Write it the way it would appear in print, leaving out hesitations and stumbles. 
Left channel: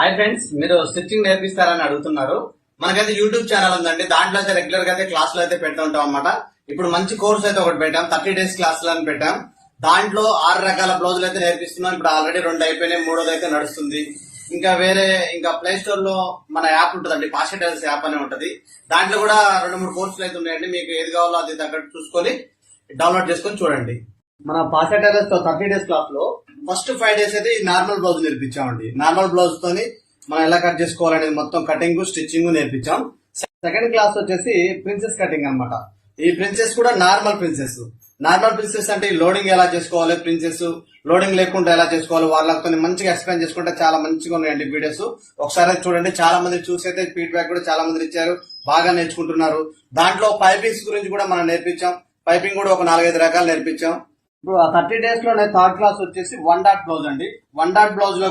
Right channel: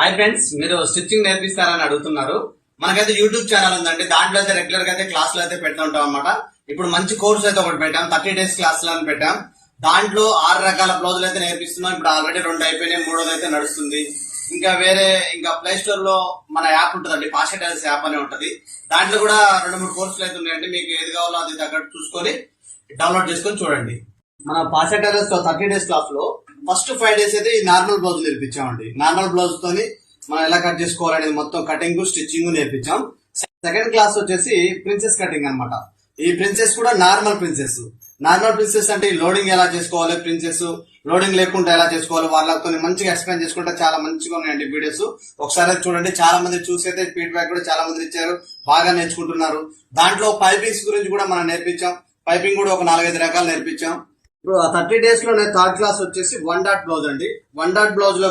Hi friends, మీరు stitching నేర్పిస్తారని అడుగుతున్నారు. మనకైతే యూట్యూబ్ ఛానల్ ఉందండి. దాంట్లో అయితే రెగ్యులర్ గా అయితే క్లాసులు అయితే పెడుతూ ఉంటాం అనమాట. ఇప్పుడు మంచి కోర్స్ అయితే ఒకటి పెట్టాం, 30 days క్లాసులు అని పెట్టాం. దాంట్లో 6 రకాల బ్లౌజులు అయితే నేర్పిస్తున్నాం. ఇప్పుడు ఆల్రెడీ 2 అయిపోయినాయి, 3వది అయితే నడుస్తుంది. ఇంకా ప్లే స్టోర్ లో మన యాప్ ఉంటుందండి, పాషా టైలర్స్ యాప్ అనే ఉంటది. దాంట్లో కూడా 2-3 కోర్సులు అయితే ఉన్నాయండి. మీకు ఏది కావాలో అది తగ్గట్టు చూసుకొని డౌన్లోడ్ చేసుకొని చూడండి. మన పాషా టైలర్స్ 30 days క్లాస్ లో ఫస్ట్ 5 days అయితే ఈ నార్మల్ బ్లౌజ్ నేర్పించామండి. నార్మల్ బ్లౌజ్ తోని మనం ఎలా కట్ చేసుకోవాలనేది మొత్తం కటింగ్ స్టిచ్చింగ్ నేర్పించాం. సెకండ్ క్లాస్ వచ్చేసి ప్రిన్సెస్ కటింగ్ అన్నమాట. ఈ ప్రిన్సెస్ కూడా నార్మల్ ప్రిన్సెస్ అంటే లోడింగ్ ఎలా చేసుకోవాలి, ప్రిన్సెస్ లోడింగ్ లేకుండా ఎలా చేసుకోవాలి, వాళ్ళతో మంచిగా ఎక్స్ప్లెయిన్ చేసుకుంటే చాలా మంచిగా ఉన్నాయండి వీడియోస్. ఒకసారి చూడండి. చాలా మంది చూసైతే ఫీడ్బ్యాక్ కూడా చాలా మంది ఇచ్చారు, బాగా నేర్చుకుంటున్నారు. దాంట్లో పైపింగ్స్ గురించి కూడా మనం నేర్పించాం. పైపింగ్ కూడా ఒక 4-5 రకాలు నేర్పించాం. ఇప్పుడు ఆ 30 days లో 3rd క్లాస్ వచ్చేసి 1 డాట్ బ్లౌజ్ అండి. 1 డాట్ బ్లౌజ్ లో